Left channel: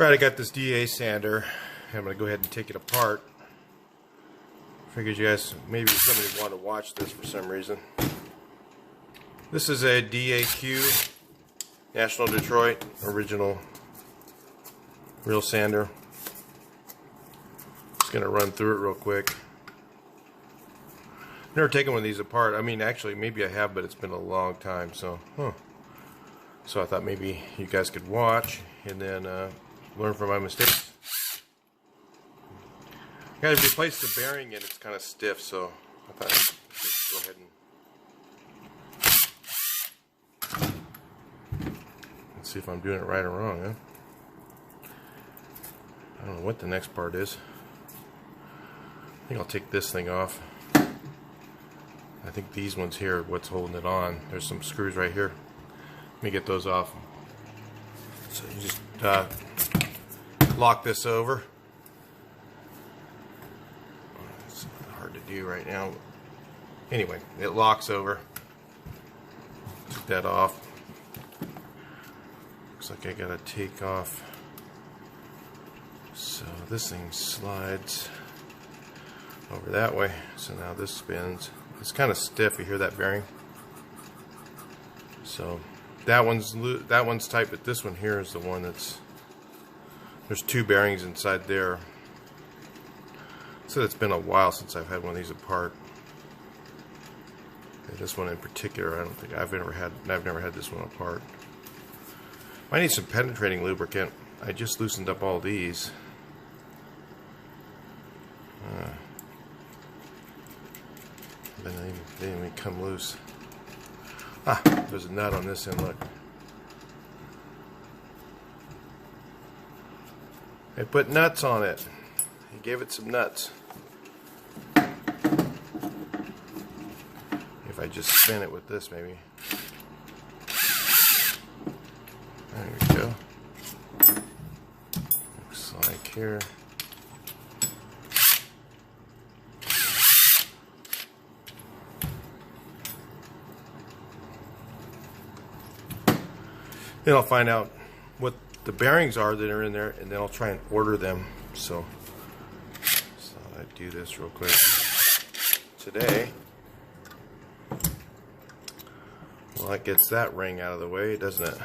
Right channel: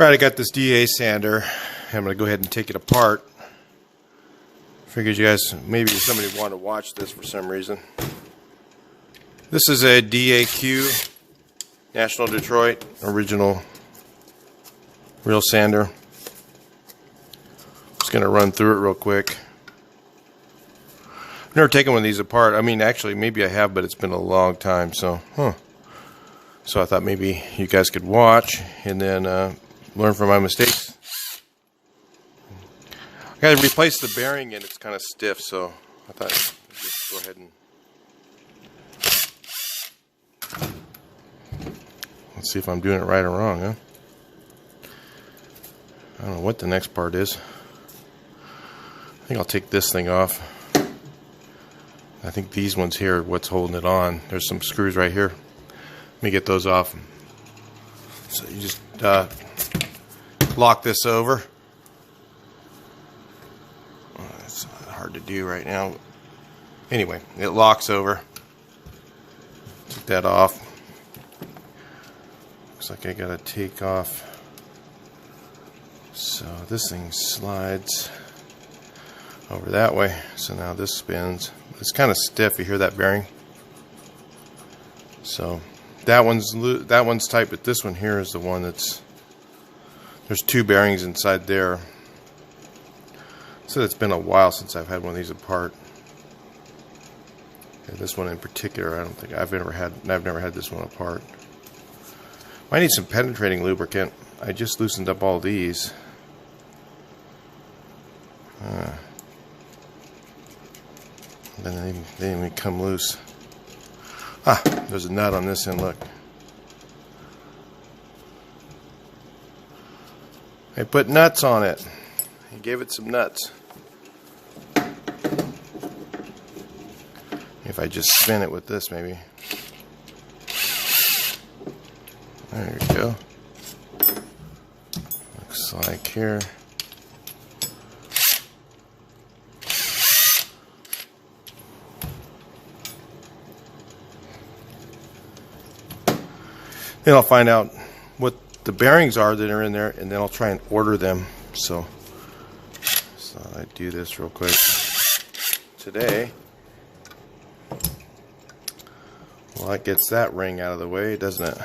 Alright, I got this DA sander. I'm going to go ahead and take it apart. Figured you guys, maybe somebody wanted to watch this for some reason. This is a DAQ, National Detroit, original real sander. Just going to run through it real quick. I've never taken one of these apart. I mean, actually, maybe I have, but it's been a long time. So I thought maybe you guys could watch and then learn from my mistakes. I got to replace the bearing and it's kind of stiff, so I thought I'd just go ahead and let's see if I'm doing it right or wrong, huh? I don't know what the next part is. I think I'll take this thing off. I think these ones here are what's holding it on. There's some screws right here. Let me get those off. So you just lock this over. It's hard to do right now. Anyway, it locks over. Take that off. Looks like I gotta take off. So this thing slides over that way. So now this spins. It's kind of stiff. You hear that bearing? So that one's tight, but this one here is the one that's. There's two bearings inside there. So it's been a while since I've had one of these apart. Yeah, this one in particular, I don't think I've never had this one apart. I need some penetrating lubricant. I just loosened up all these. Then they didn't even come loose. Ah, there's a nut on this end, look. I put nuts on it. He gave it some nuts. If I just spin it with this, maybe. There we go. Looks like here. Then I'll find out what the bearings are that are in there, and then I'll try and order them. So I do this real quick today. Well, that gets that ring out of the way, doesn't it?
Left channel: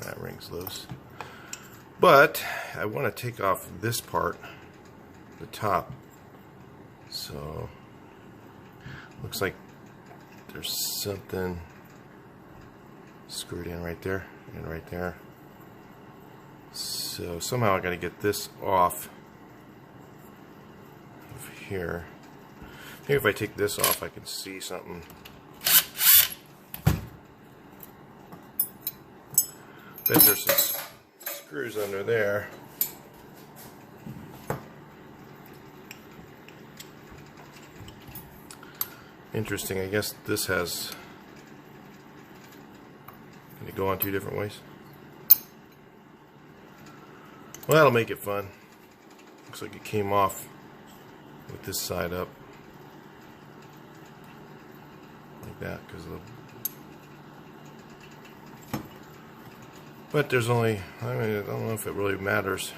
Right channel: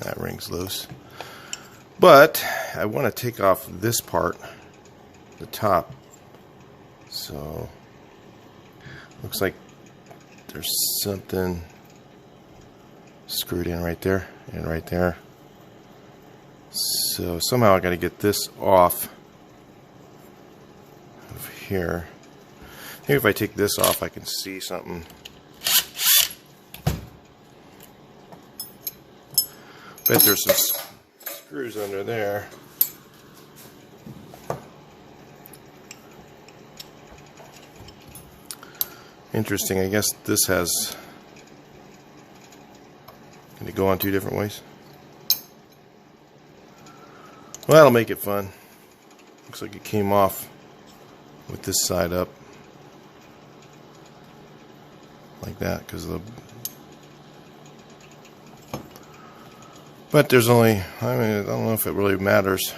That ring's loose. But I want to take off this part, the top. So looks like there's something screwed in right there and right there. So somehow I got to get this off of here. Maybe if I take this off I can see something. Bet there's some screws under there. Interesting. I guess this has. Can it go on two different ways? Well, that'll make it fun. Looks like it came off with this side up. Like that, because of the. But there's only, I mean, I don't know if it really matters.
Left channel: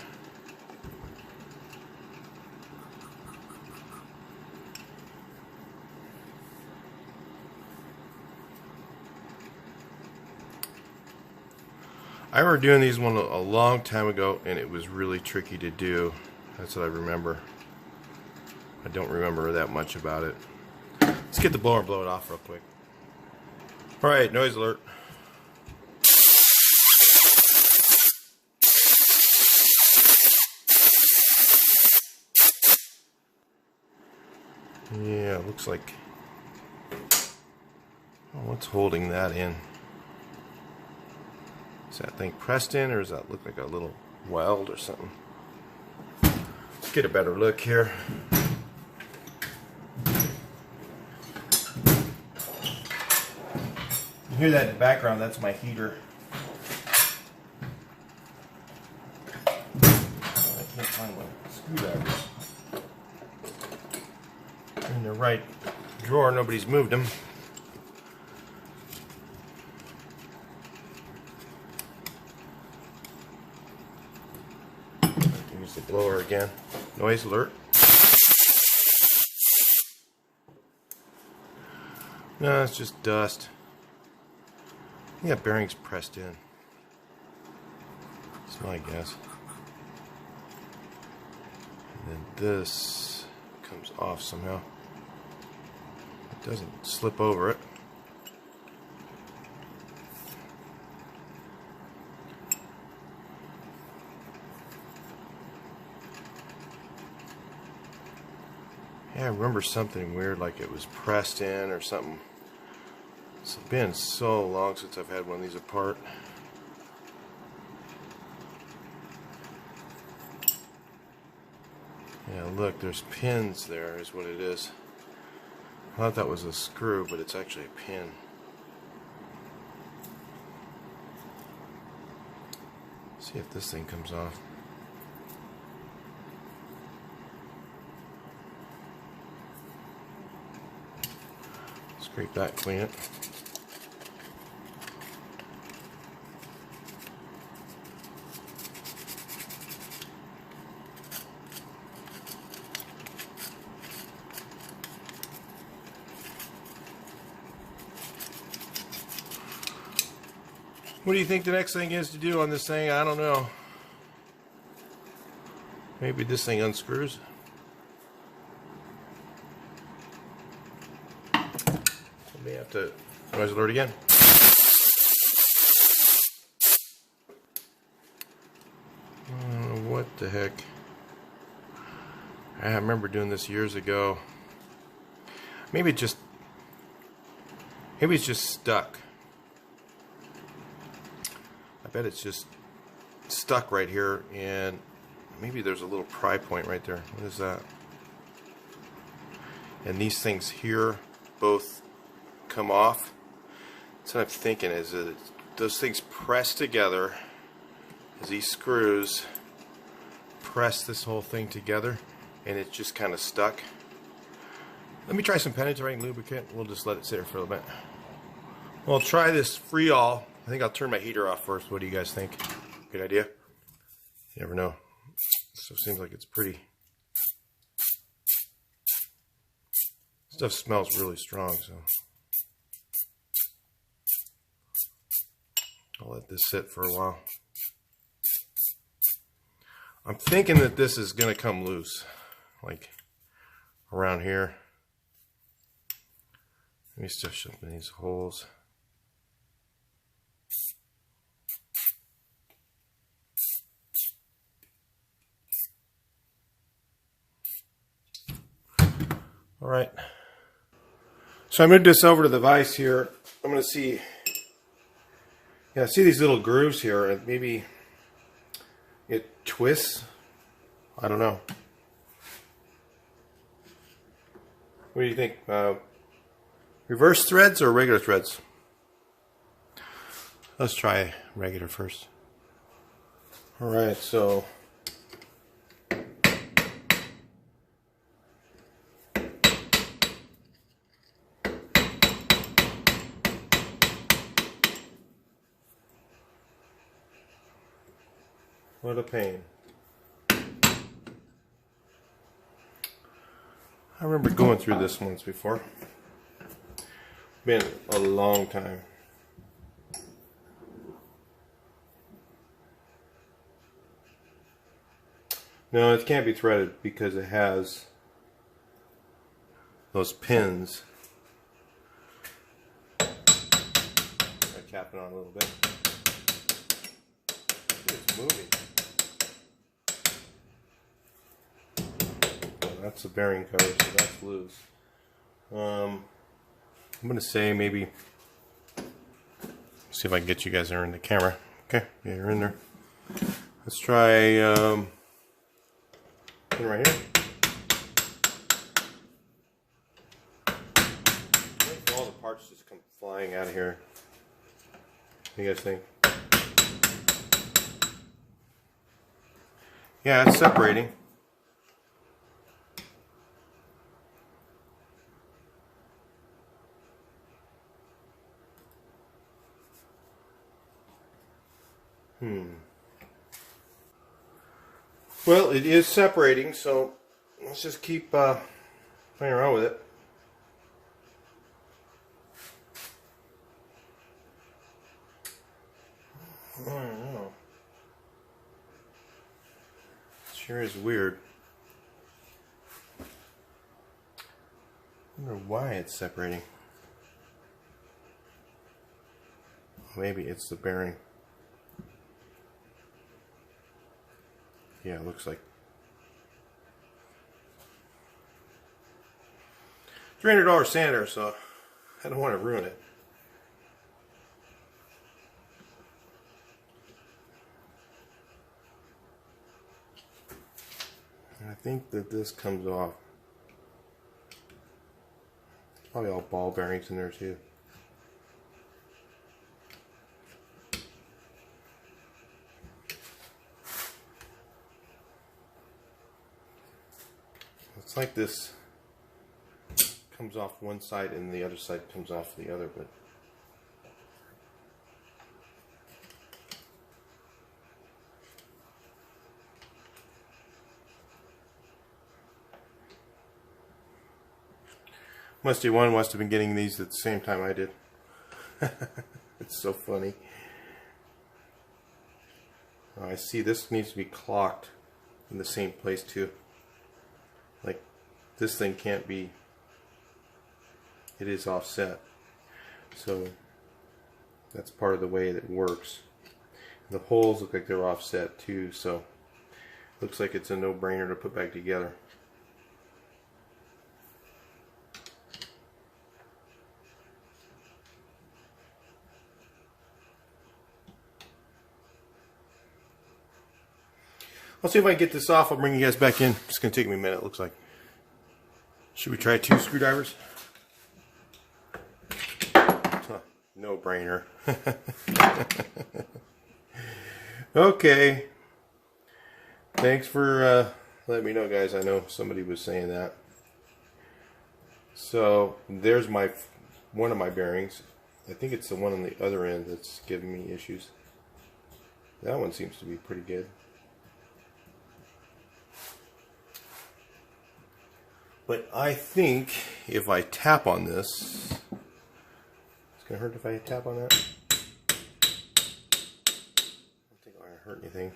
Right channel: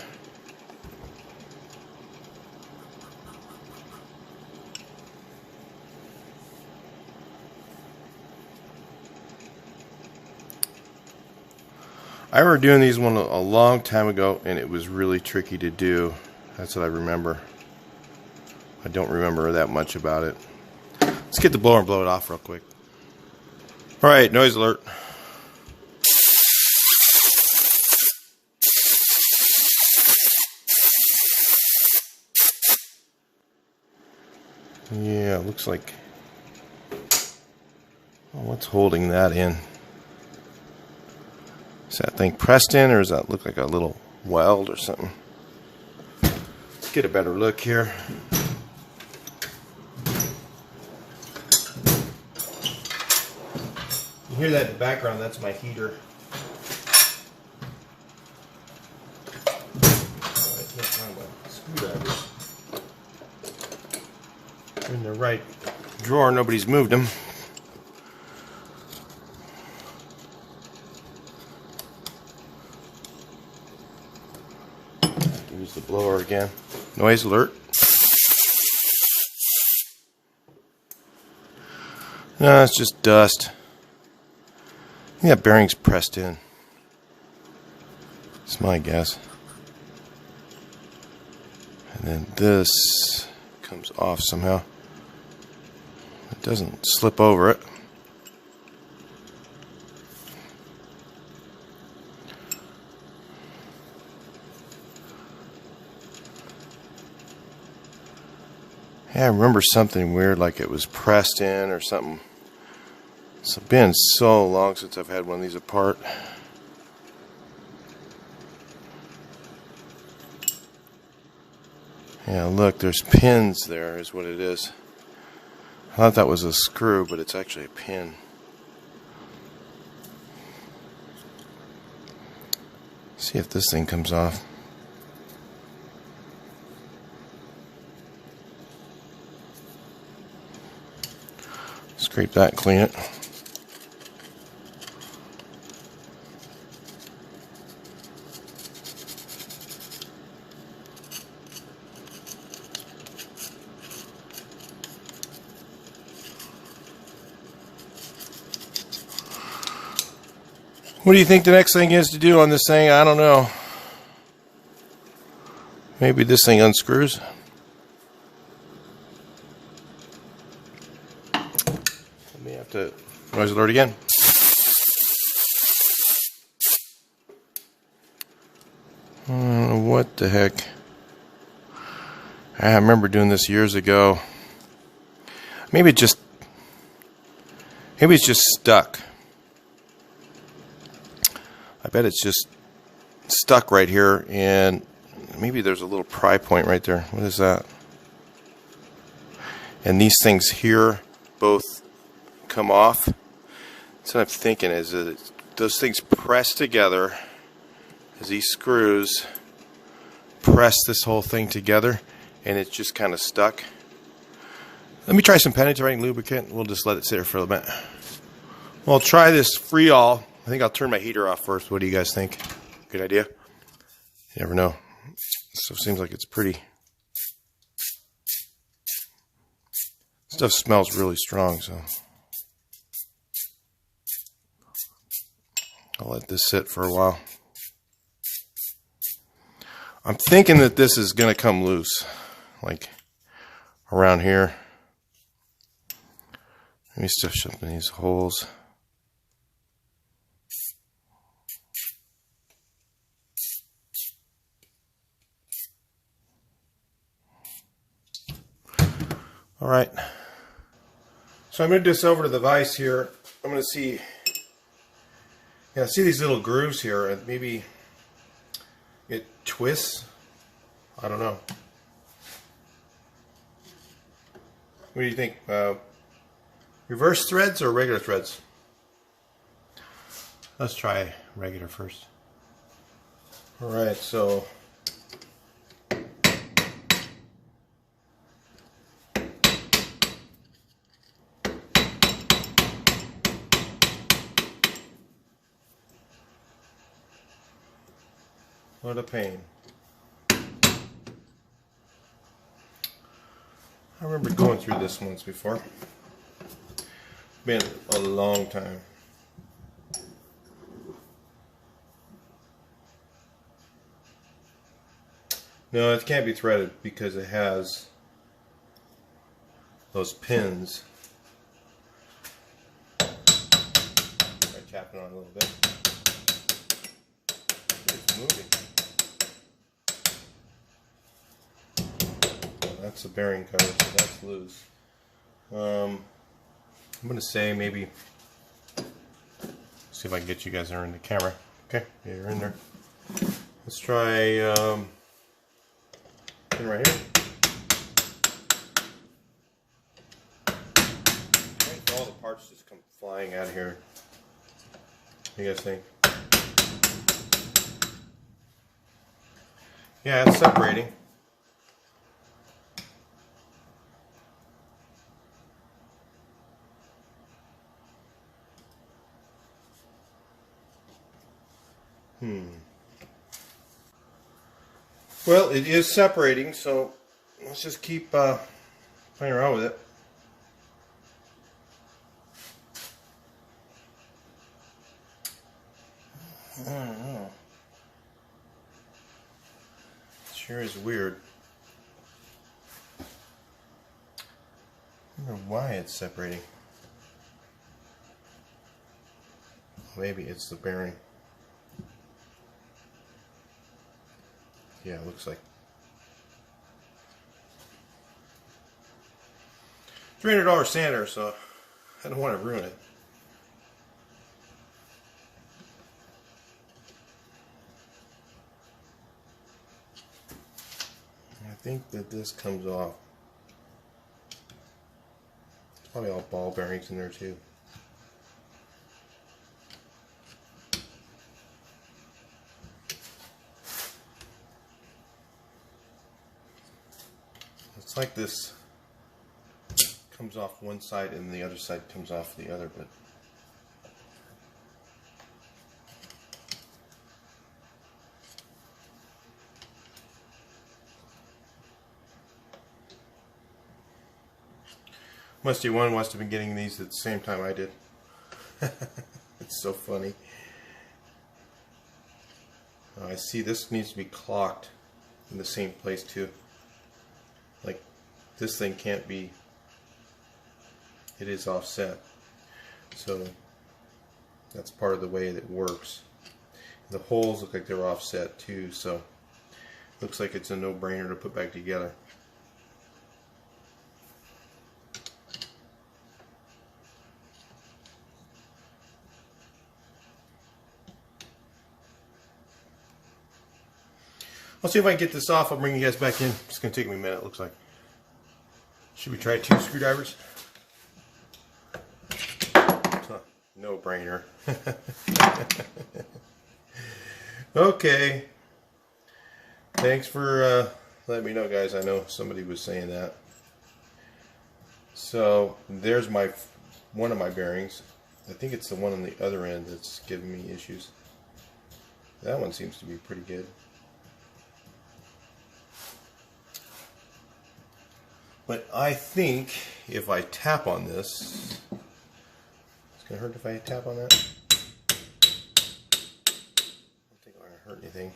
I remember doing these one a long time ago, and it was really tricky to do. That's what I remember. I don't remember that much about it. Let's get the blower and blow it off real quick. Alright, noise alert. Yeah, it looks like. Oh, what's holding that in? Is that thing pressed in, or does that look like a little weld or something? Let's get a better look here. You hear that in the background? That's my heater. I can't find a screwdriver. In the right drawer, nobody's moved them. Use the blower again. Noise alert. No, it's just dust. Yeah, bearings pressed in. That's my guess. And then this comes off somehow. It doesn't slip over it. Yeah, I remember something weird, like it was pressed in or something. It's been so long since I've had one of these apart. Yeah, look, there's pins there is what it is. I thought that was a screw, but it's actually a pin. See if this thing comes off. Scrape that and clean it. What do you think the next thing is to do on this thing? I don't know. Maybe this thing unscrews. Let me have to noise alert again. What the heck? I remember doing this years ago. Maybe it's just stuck. I bet it's just stuck right here, and maybe there's a little pry point right there. What is that? And these things here both come off. That's what I'm thinking, is that those things press together as these screws press this whole thing together, and it's just kind of stuck. Let me try some penetrating lubricant. We'll just let it sit there for a minute. Well, try this Freol. I think I'll turn my heater off first. What do you guys think? Good idea? You never know. So it seems like it's pretty. Stuff smells really strong, so I'll let this sit for a while. I'm thinking that this is going to come loose, like around here. Let me stuff something in these holes. All right, so I'm going to do this over to the vise here. I'm going to see, yeah, see these little grooves here, and maybe it twists. I don't know. What do you think? Reverse threads or regular threads? Let's try regular first. All right, so what a pain. I remember going through this once before. Been a long time. No, it can't be threaded because it has those pins. Try tapping on a little bit. It's moving. That's a bearing cover, so that's loose. I'm going to say maybe, see if I can get you guys there in the camera. Okay, yeah, you're in there. Let's try pin right here. All the parts just come flying out of here. What do you guys think? Yeah, it's separating. Well, it is separating, so let's just keep playing around with it. I don't know. It sure is weird. I wonder why it's separating. Maybe it's the bearing. Yeah, it looks like. $300 sander, so I don't want to ruin it. I think that this comes off. Probably all ball bearings in there too. It's like this comes off one side and the other side comes off the other, but Musty One must have been getting these at the same time I did. It's so funny. I see this needs to be clocked in the same place too. Like this thing can't be, it is offset. So that's part of the way that it works. The holes look like they're offset too, so looks like it's a no-brainer to put back together. I'll see if I can get this off. I'll bring you guys back in. It's going to take me a minute, it looks like. Should we try 2 screwdrivers? Huh, no brainer. Okay. Thanks for letting me know, guys. I know somebody was saying that. So there's one of my bearings. I think it's the one on the other end that's giving me issues. That one seems to be pretty good. But I think if I tap on this, it's going to hurt if I tap on that. I don't think it's going to hurt anything.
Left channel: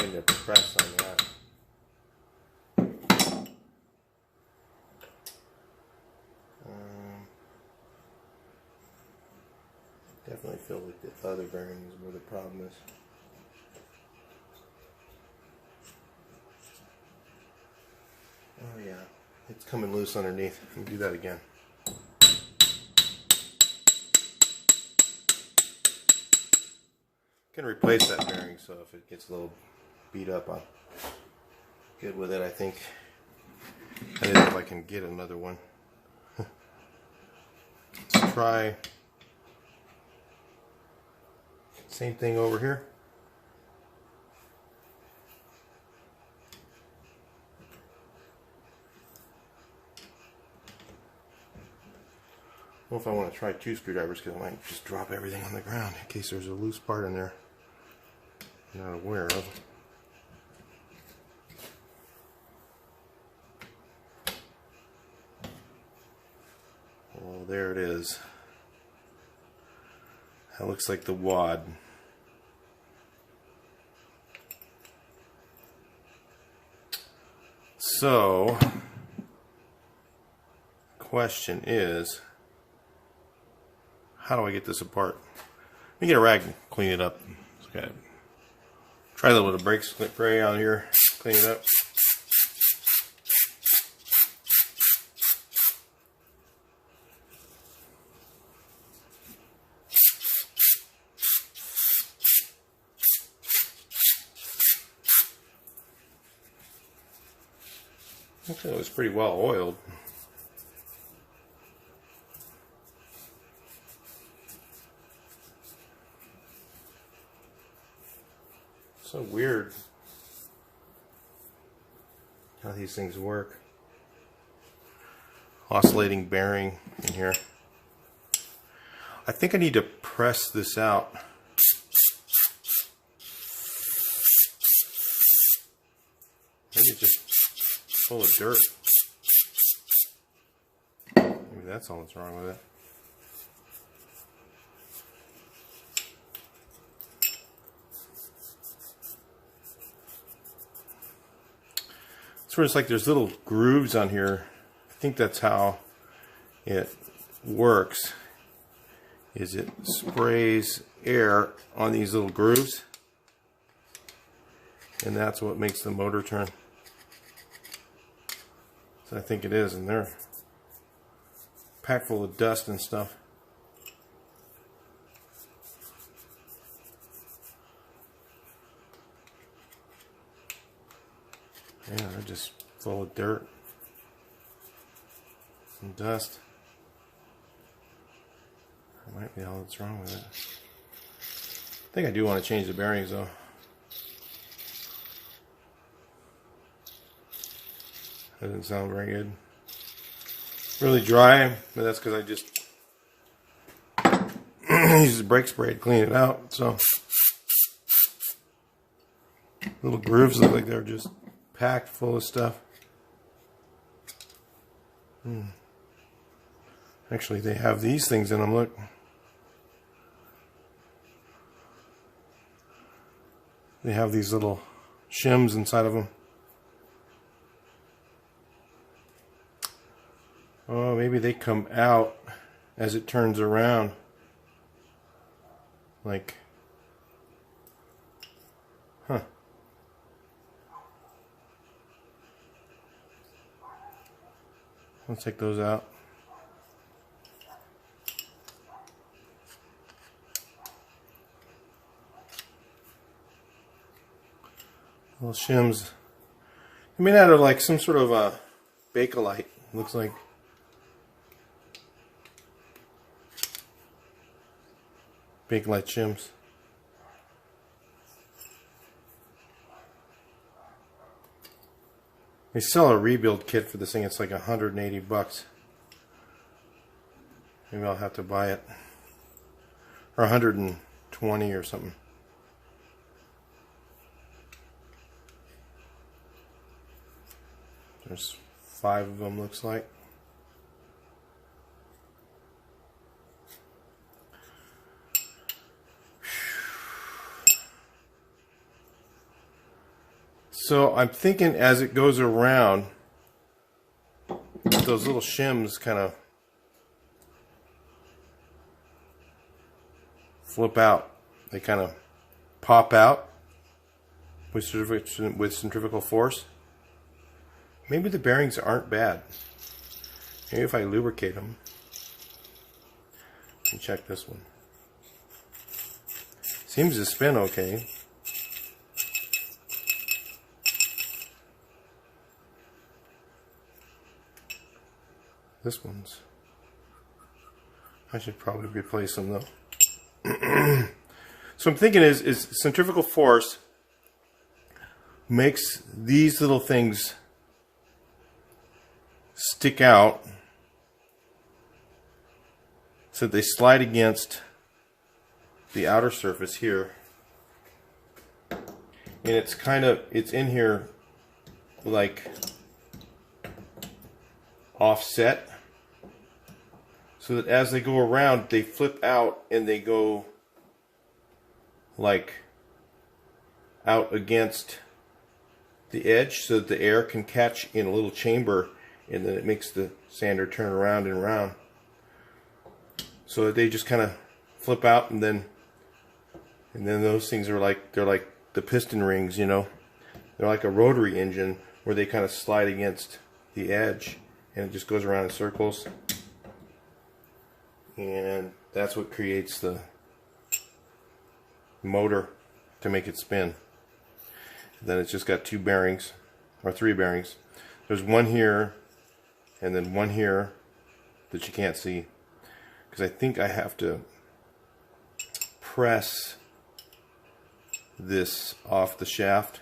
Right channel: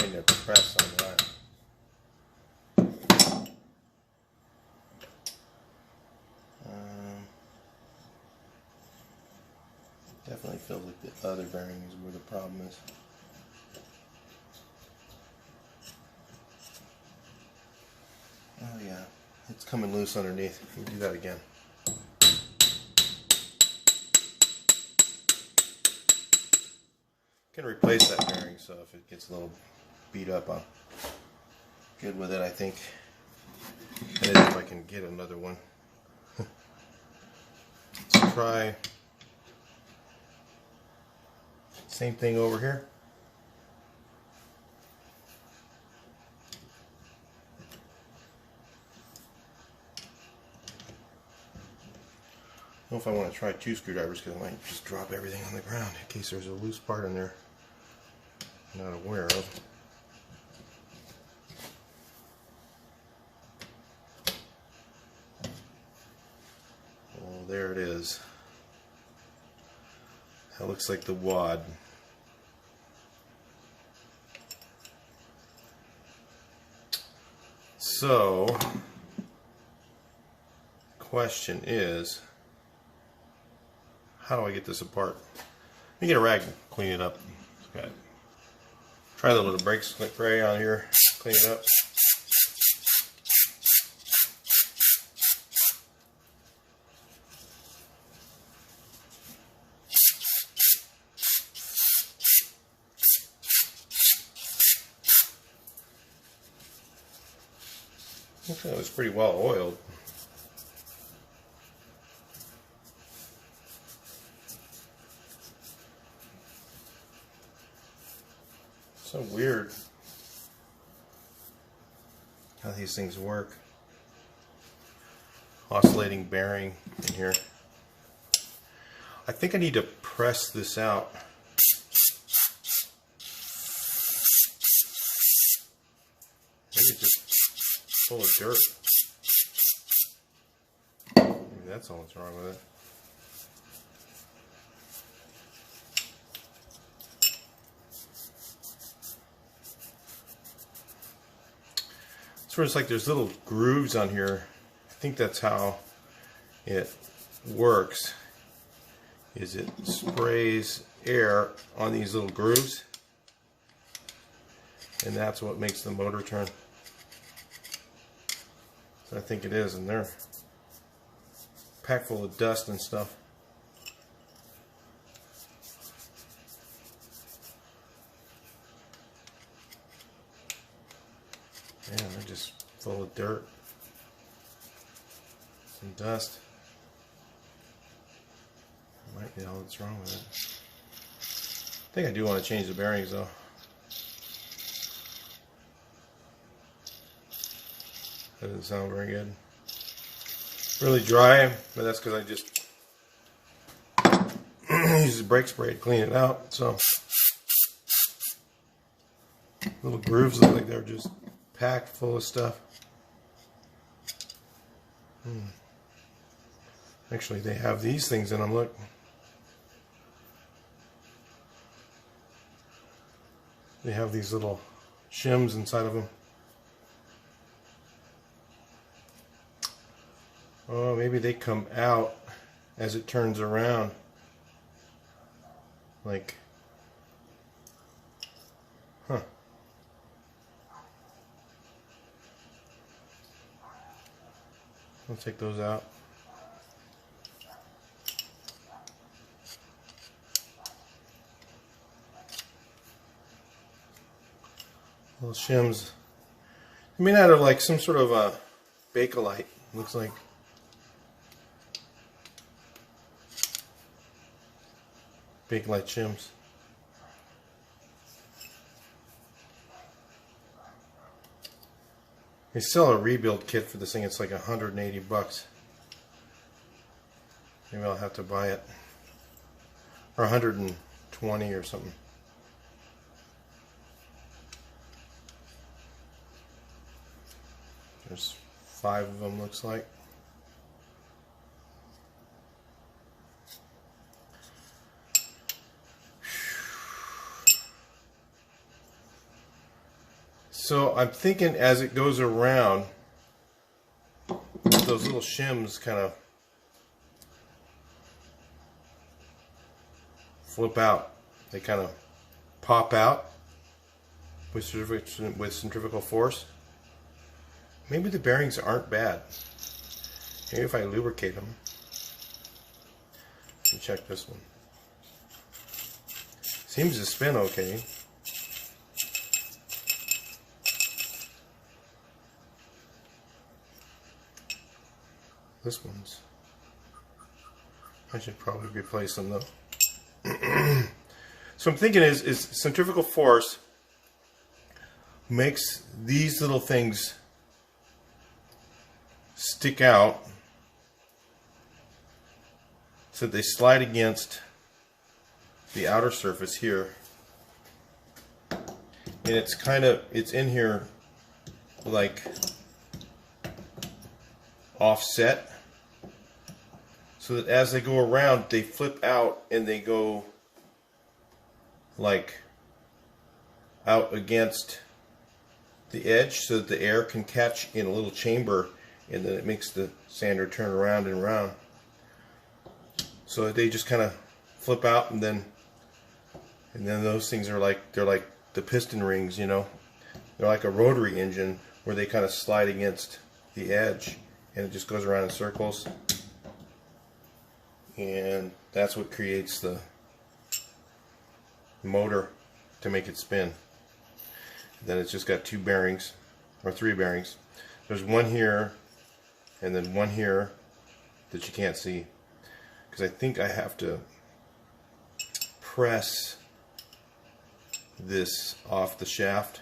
I need to press on that. Definitely feels like the other bearing is where the problem is. Oh yeah, it's coming loose underneath. Let me do that again. I'm gonna replace that bearing, so if it gets a little beat up, I'm good with it, I think. And if I can get another one. Let's try same thing over here. I don't know if I want to try 2 screwdrivers because I might just drop everything on the ground in case there's a loose part in there I'm not aware of. Well, there it is. That looks like the wad. So, question is, how do I get this apart? Let me get a rag and clean it up. Okay. Try a little bit of brake spray on here, clean it up. Looks like it was pretty well oiled. So weird how these things work. Oscillating bearing in here. I think I need to press this out Maybe it's just full of dirt. Maybe that's all that's wrong with it. So it's like there's little grooves on here. I think that's how it works. Is it sprays air on these little grooves, and that's what makes the motor turn. So I think it is, and they're packed full of dust and stuff. Yeah, they're just full of dirt and dust. That might be all that's wrong with it. I think I do want to change the bearings though. Doesn't sound very good. Really dry, but that's because I just used the brake spray to clean it out. So little grooves look like they're just packed full of stuff. Actually, they have these things in them. Look. They have these little shims inside of them. Oh, maybe they come out as it turns around. Like, huh. Let's take those out. Little shims. I mean, out of like some sort of a Bakelite. Looks like. Bakelite shims. They sell a rebuild kit for this thing. It's like 180 bucks. Maybe I'll have to buy it. Or 120 or something. There's 5 of them, looks like. So I'm thinking as it goes around, those little shims kind of flip out. They kind of pop out with centrifugal force. Maybe the bearings aren't bad. Maybe if I lubricate them. Let me check this one. Seems to spin okay. This one's. I should probably replace them though. So I'm thinking is centrifugal force makes these little things stick out so they slide against the outer surface here, and it's in here like offset, so that as they go around they flip out and they go like out against the edge so that the air can catch in a little chamber, and then it makes the sander turn around and around. So they just kind of flip out, and then those things are like, they're like the piston rings, you know. They're like a rotary engine where they kind of slide against the edge, and it just goes around in circles. And that's what creates the motor to make it spin. Then it's just got 2 bearings, or 3 bearings. There's one here, and then one here that you can't see, because I think I have to press this off the shaft,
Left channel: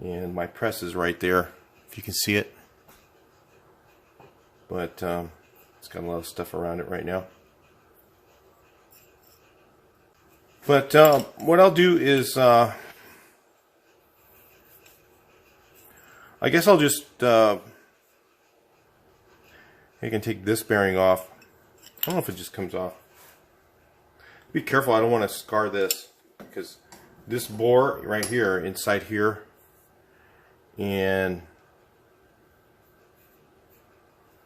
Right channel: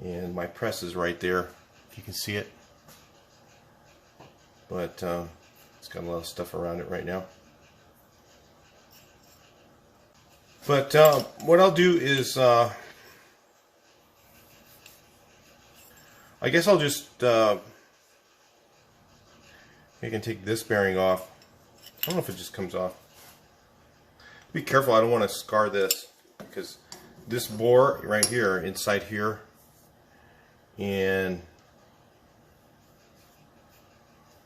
and my press is right there, if you can see it, but it's got a lot of stuff around it right now. But what I'll do is I guess I'll just you can take this bearing off. I don't know if it just comes off. Be careful, I don't want to scar this, because this bore right here, inside here, and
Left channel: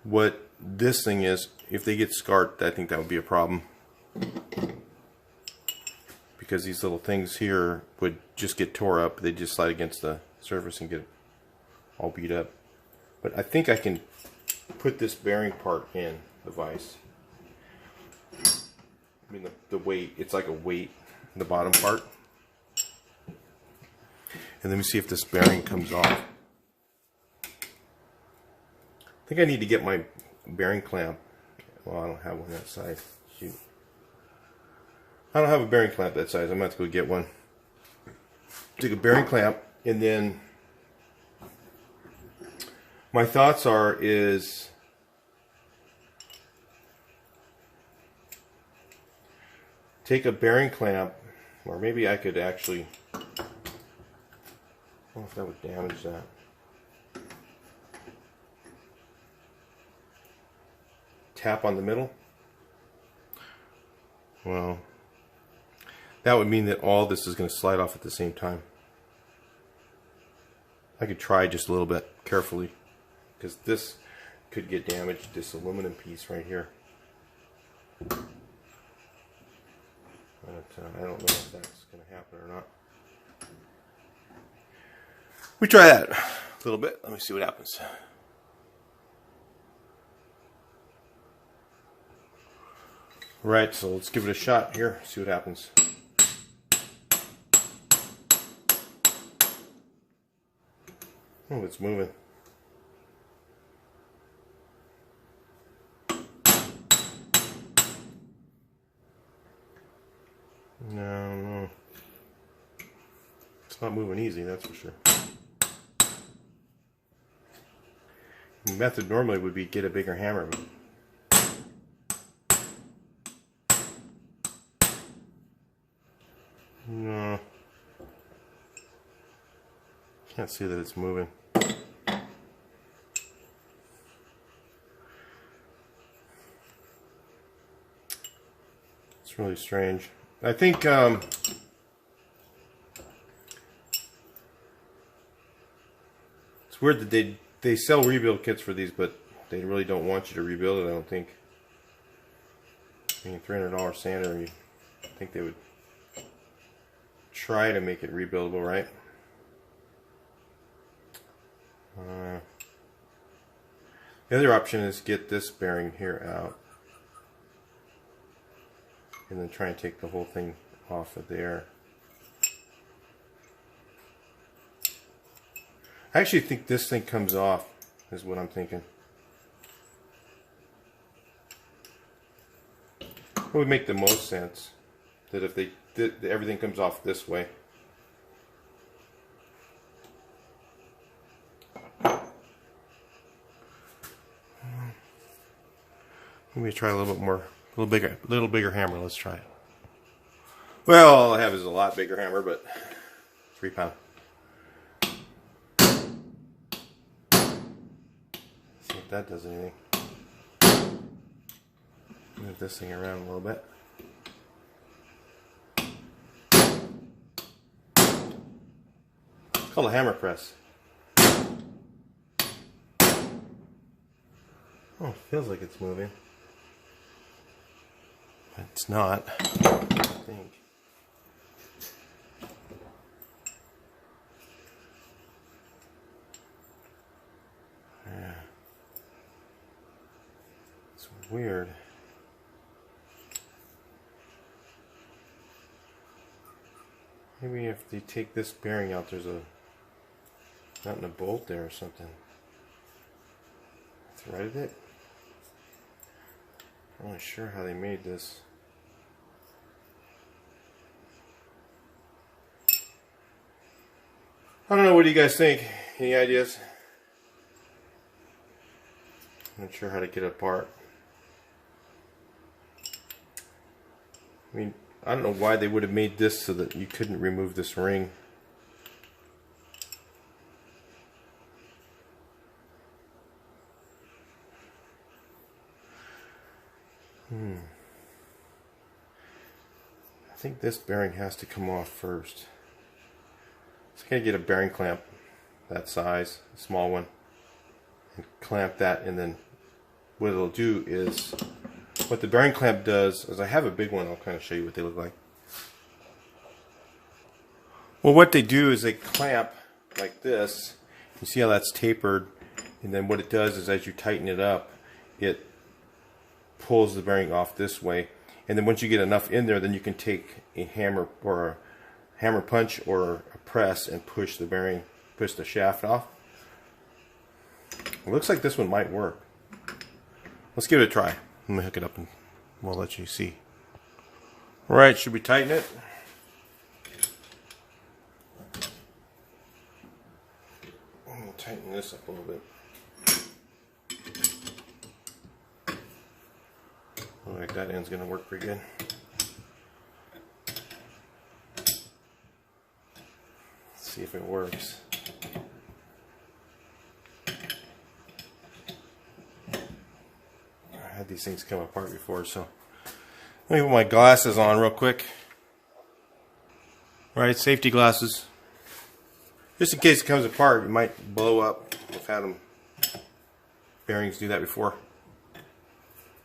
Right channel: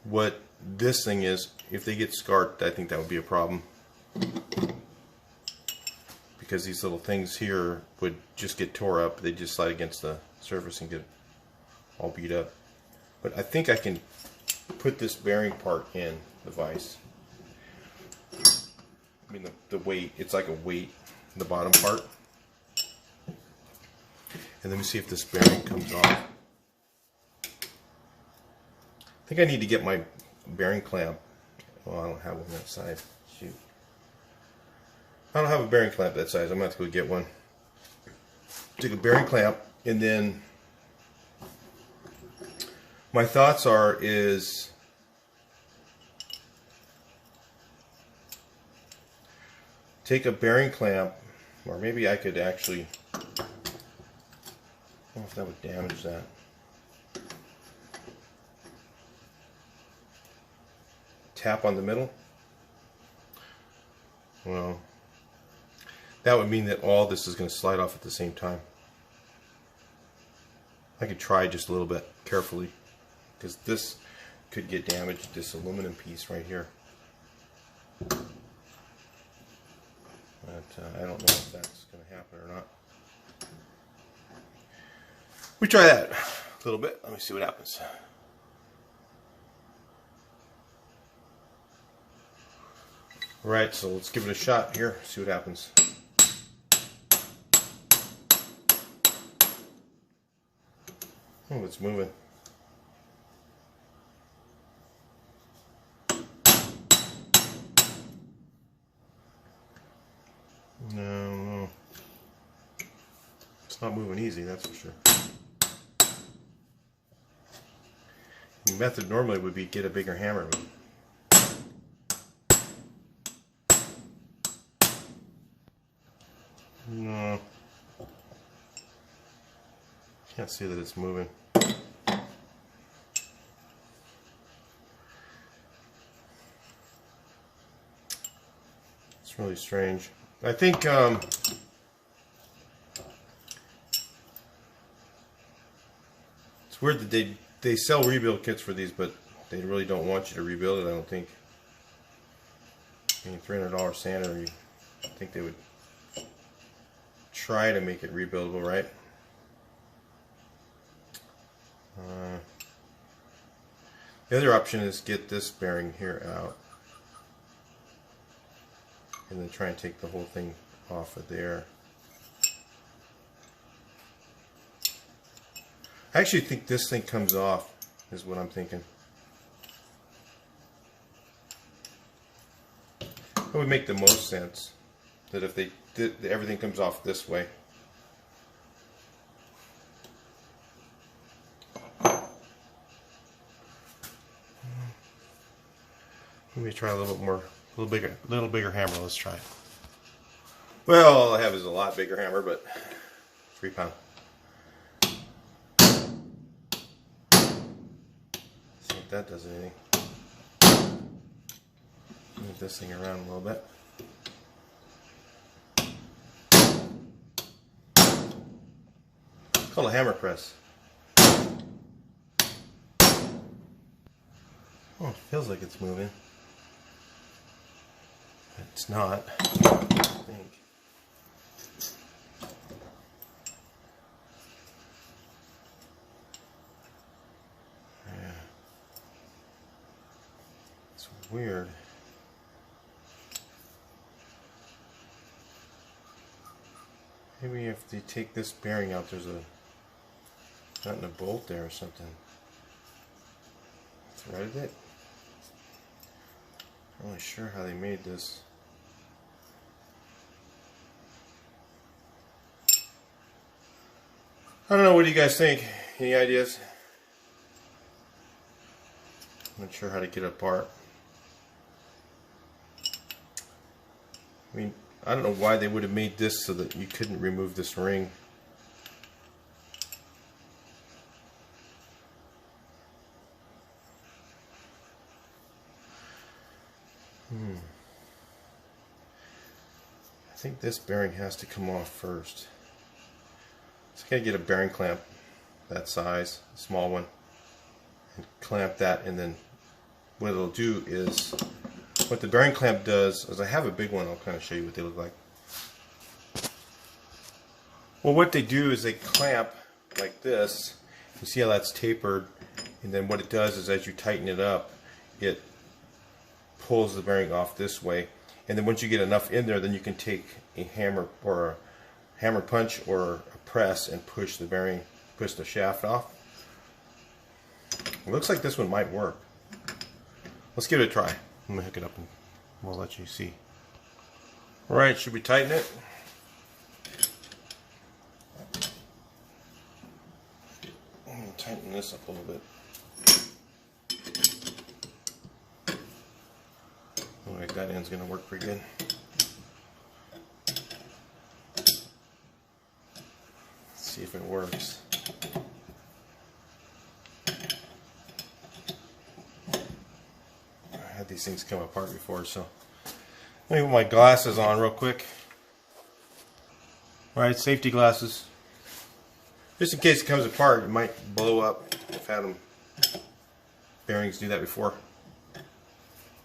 what this thing is, if they get scarred, I think that would be a problem. Because these little things here would just get tore up. They just slide against the surface and get all beat up. But I think I can put this bearing part in the vise. I mean the weight, it's like a weight in the bottom part. And let me see if this bearing comes off. I think I need to get my bearing clamp. Well, I don't have one that size. Shoot. I don't have a bearing clamp that size. I'm going to have to go get one. Take a bearing clamp, and then my thoughts is take a bearing clamp, or maybe I could actually, I don't know if that would damage that. Tap on the middle. Well, that would mean that all this is going to slide off at the same time. I could try just a little bit carefully, because this could get damaged, this aluminum piece right here. But I don't know if that's going to happen or not. We try that a little bit. Let me see what happens. Right, so let's give it a shot here, see what happens. Oh, it's moving. No, it's not moving easy, that's for sure. The method normally would be get a bigger hammer. No. Can't see that it's moving. It's really strange. I think it's weird that they sell rebuild kits for these, but they really don't want you to rebuild it, I don't think. I mean, $300 sander, you think they would try to make it rebuildable, right? The other option is get this bearing here out and then try and take the whole thing off of there. I actually think this thing comes off, is what I'm thinking. It would make the most sense that if they did, everything comes off this way. Let me try a little bit more, a little bigger hammer. Let's try it. Well, all I have is a lot bigger hammer, but 3 pound. See if that does anything. Move this thing around a little bit. It's called a hammer press. Oh, it feels like it's moving. It's not, I think. Yeah. It's weird. Maybe if they take this bearing out, there's a not in a bolt there or something. Threaded it? I'm not sure how they made this. I don't know, what do you guys think? Any ideas? I'm not sure how to get it apart. I mean, I don't know why they would have made this so that you couldn't remove this ring. think this bearing has to come off first. So I gotta get a bearing clamp that size, a small one, and clamp that, and then what it'll do is, what the bearing clamp does is, I have a big one, I'll kind of show you what they look like. Well, what they do is they clamp like this. You see how that's tapered, and then what it does is as you tighten it up, it pulls the bearing off this way, and then once you get enough in there, then you can take a hammer or a hammer punch or a press and push the bearing, push the shaft off. It looks like this one might work. Let's give it a try. I'm gonna hook it up and we'll let you see. All right, should we tighten it? I'm gonna tighten this up a little bit. Looks like that end's gonna work pretty good. Let's see if it works. I had these things come apart before, so let me put my glasses on real quick. All right, safety glasses. Just in case it comes apart, it might blow up. I've had them, bearings do that before.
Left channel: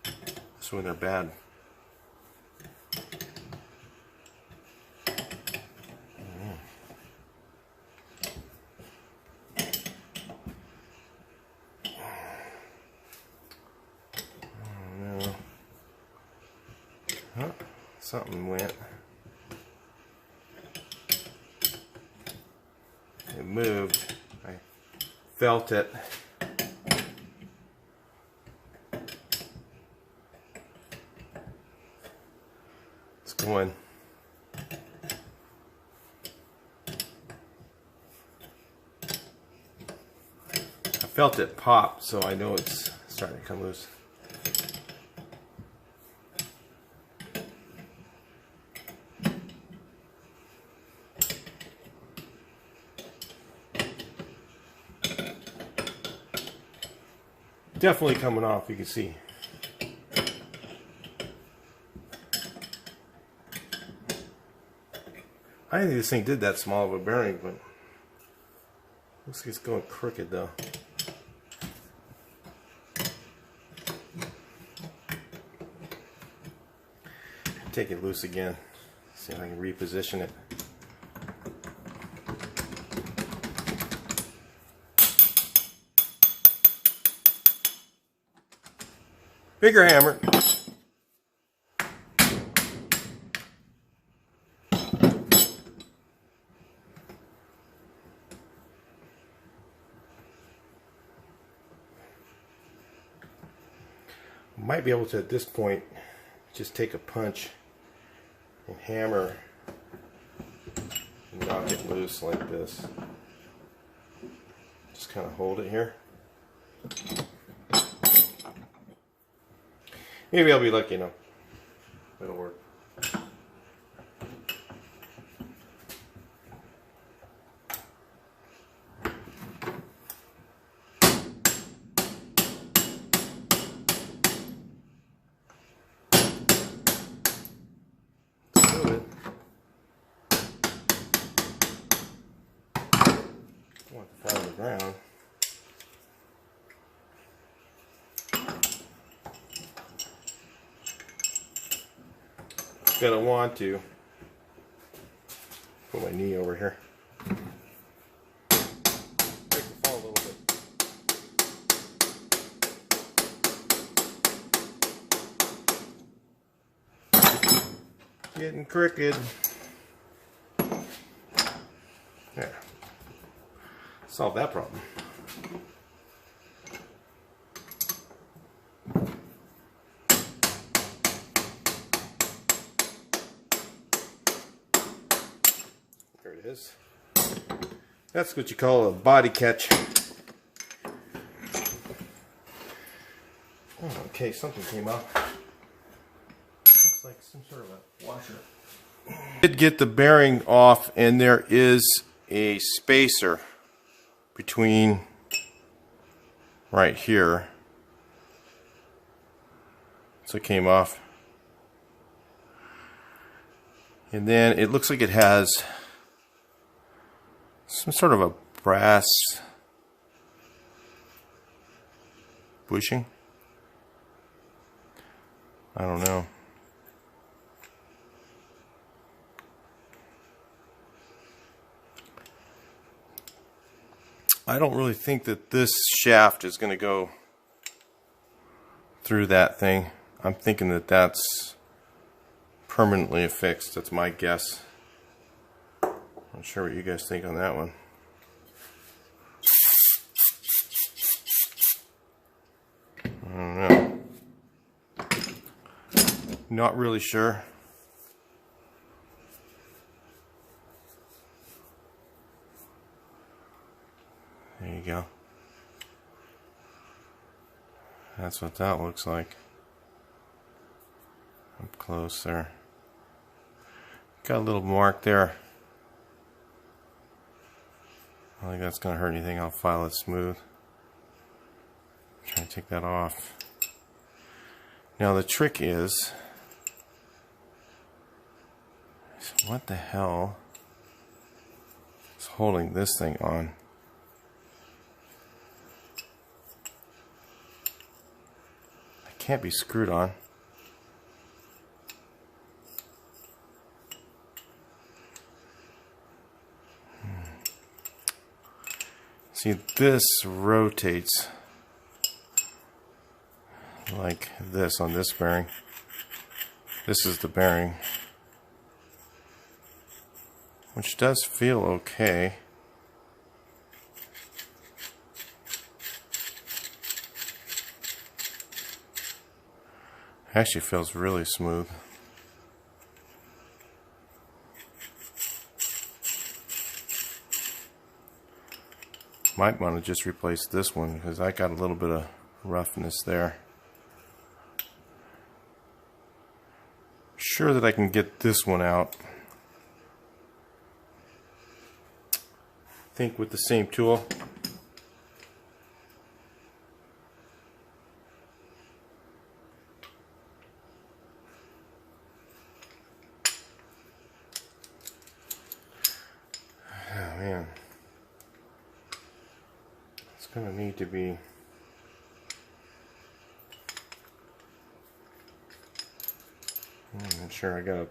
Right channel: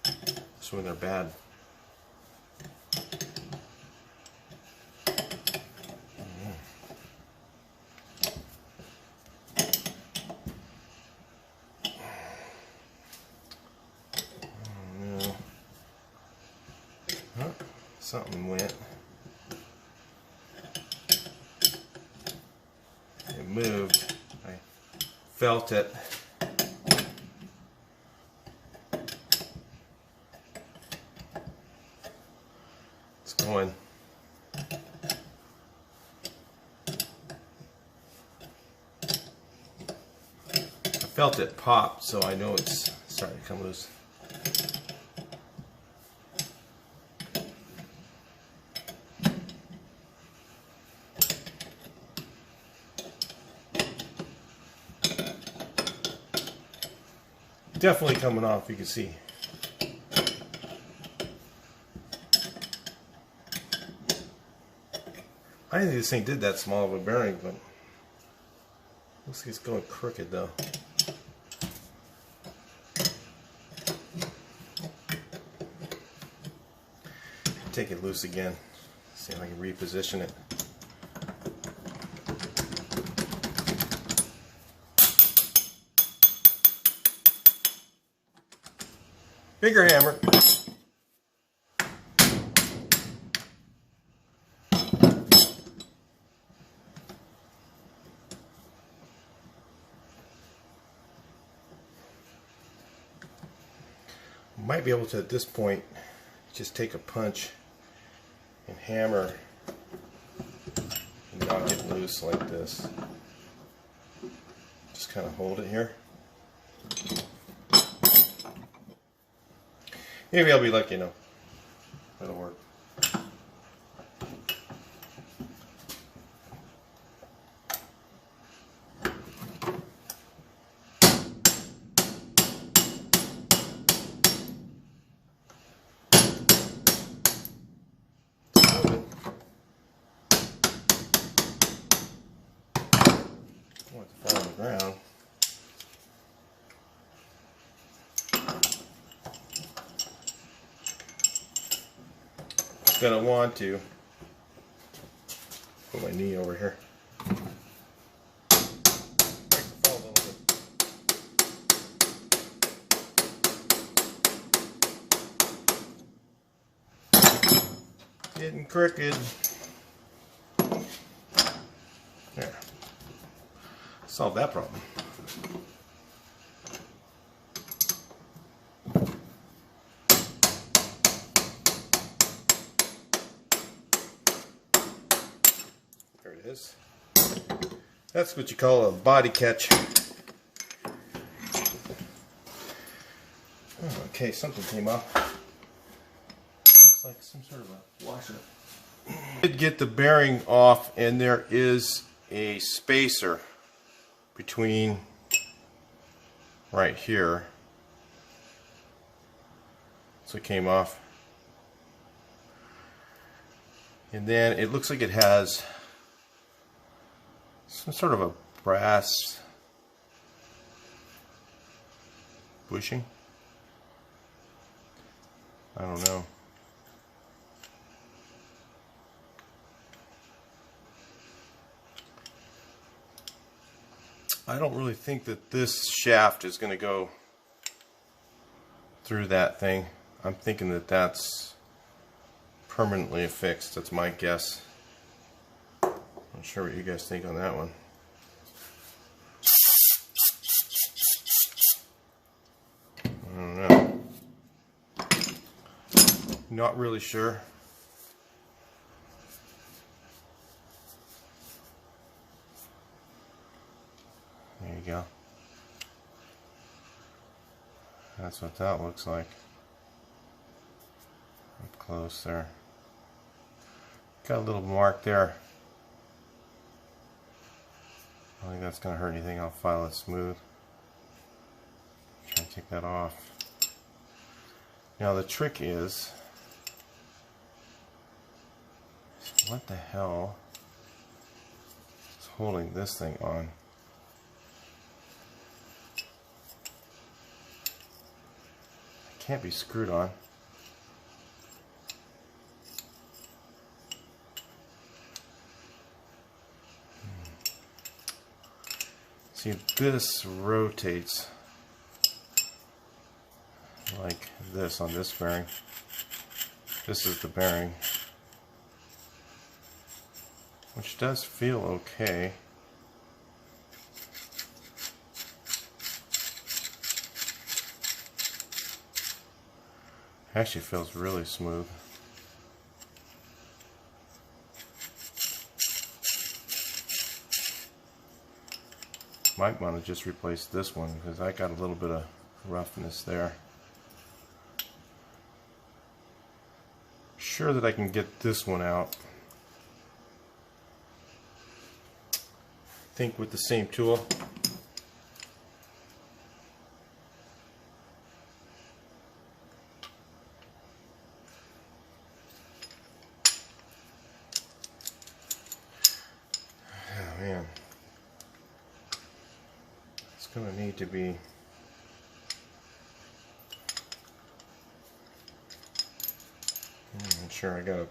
That's when they're bad. Something went. It moved. I felt it. It's going. I felt it pop, so I know it's starting to come loose. Definitely coming off, you can see. I didn't think this thing did that small of a bearing, but looks like it's going crooked though. Take it loose again. See if I can reposition it. Bigger hammer. Might be able to, at this point, just take a punch and hammer and knock it loose like this. Just kind of hold it here. Maybe I'll be lucky enough. That'll work. I want it to fall on the ground. Gonna want to put my knee over here. Break the fall a little bit. Getting crooked. There. Solve that problem. There it is. That's what you call a body catch. Oh, okay, something came up. Looks like some sort of a washer. I did get the bearing off, and there is a spacer between right here. So it came off. And then it looks like it has some sort of a brass bushing. I don't know. I don't really think that this shaft is going to go through that thing. I'm thinking that that's permanently affixed. That's my guess. Not sure what you guys think on that one. I don't know. Not really sure. There you go. That's what that looks like. Up close there. Got a little mark there. I don't think that's going to hurt anything. I'll file it smooth. Try to take that off. Now the trick is, what the hell is holding this thing on? It can't be screwed on. See, this rotates like this on this bearing. This is the bearing, which does feel okay. Actually feels really smooth. Might want to just replace this one because I got a little bit of roughness there. Sure that I can get this one out. I think with the same tool. Oh man. It's gonna need to be I'm not sure. I gotta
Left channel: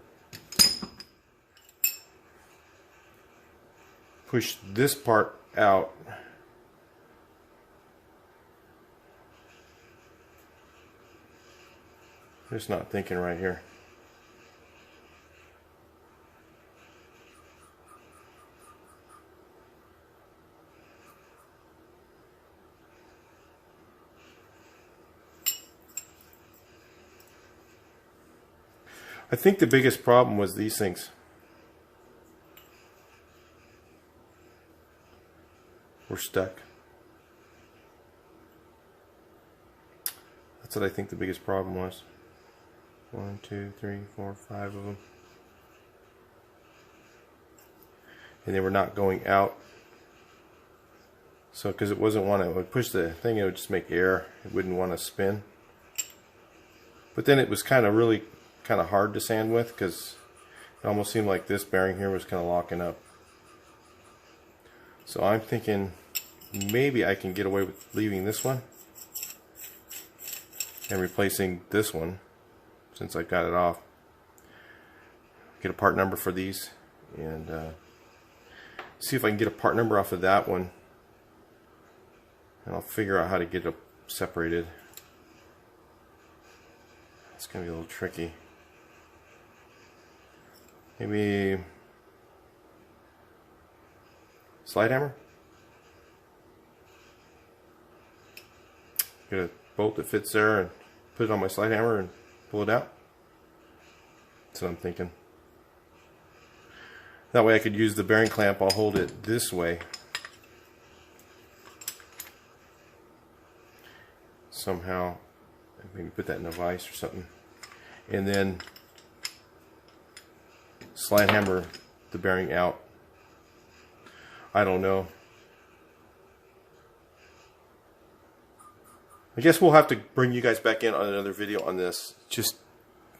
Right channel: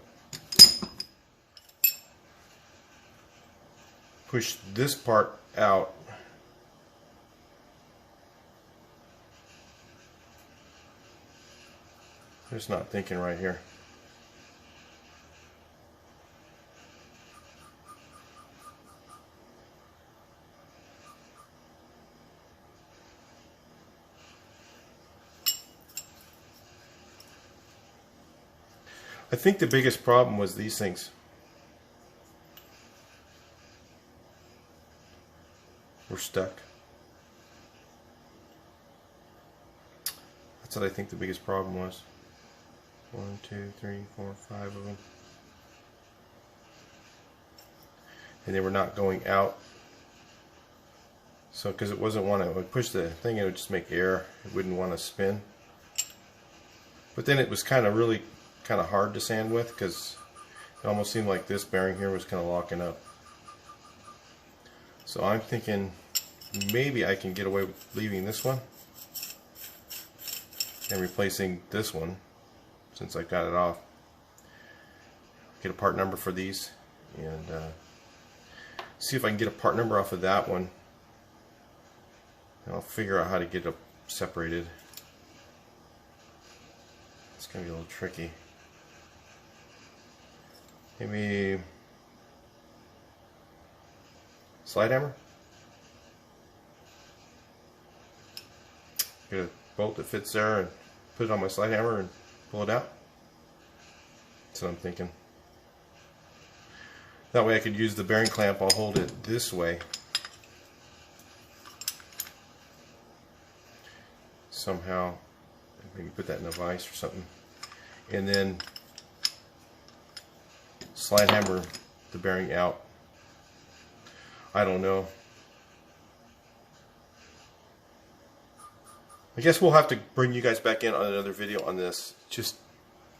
push this part out. Just not thinking right here. I think the biggest problem was these things. Were stuck. That's what I think the biggest problem was. 1, 2, 3, 4, 5 of them. And they were not going out. So, because it wasn't one, I would push the thing, it would just make air. It wouldn't want to spin. But then it was kind of hard to sand with because it almost seemed like this bearing here was kind of locking up. So I'm thinking maybe I can get away with leaving this one and replacing this one since I got it off. Get a part number for these and see if I can get a part number off of that one, and I'll figure out how to get it separated. It's gonna be a little tricky. Maybe slide hammer? Get a bolt that fits there and put it on my slide hammer and pull it out. That's what I'm thinking. That way I could use the bearing clamp. I'll hold it this way. Somehow, maybe put that in a vise or something. And then slide hammer the bearing out. I don't know. I guess we'll have to bring you guys back in on another video on this. Just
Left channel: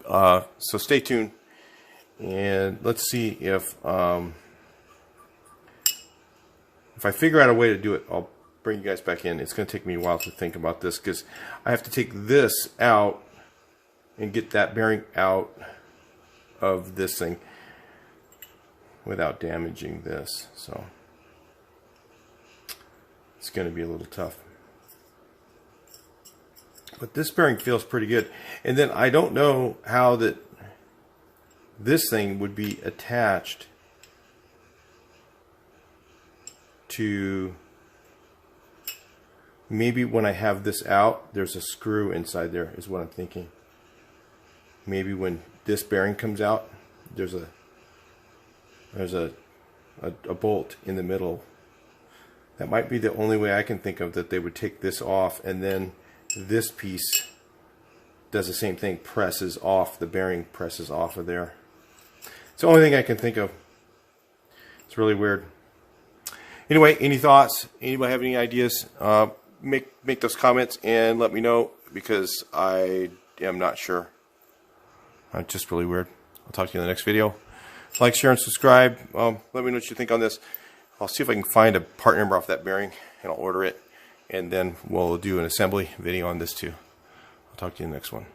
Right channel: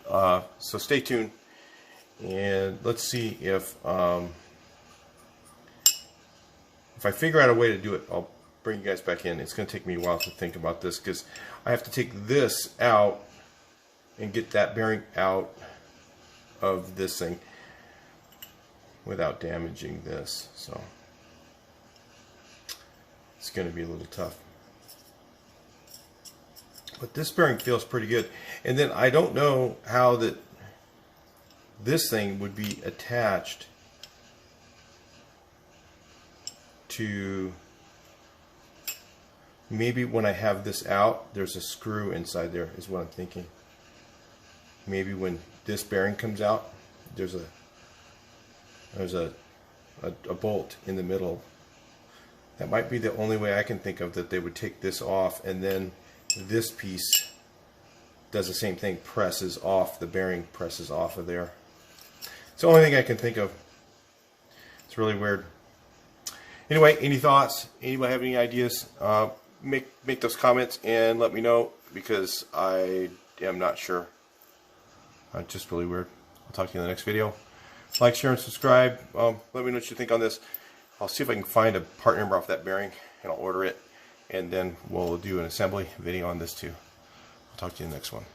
so stay tuned. And let's see if I figure out a way to do it, I'll bring you guys back in. It's going to take me a while to think about this because I have to take this out and get that bearing out of this thing without damaging this. So it's going to be a little tough. But this bearing feels pretty good. And then I don't know how that this thing would be attached to, maybe when I have this out, there's a screw inside there, is what I'm thinking. Maybe when this bearing comes out, there's a bolt in the middle. That might be the only way I can think of that they would take this off, and then this piece does the same thing, presses off, the bearing presses off of there. It's the only thing I can think of. It's really weird. Anyway, any thoughts? Anybody have any ideas? Make those comments and let me know, because I am not sure. It's just really weird. I'll talk to you in the next video. Like, share, and subscribe. Let me know what you think on this. I'll see if I can find a part number off that bearing, and I'll order it. And then we'll do an assembly video on this too. I'll talk to you in the next one.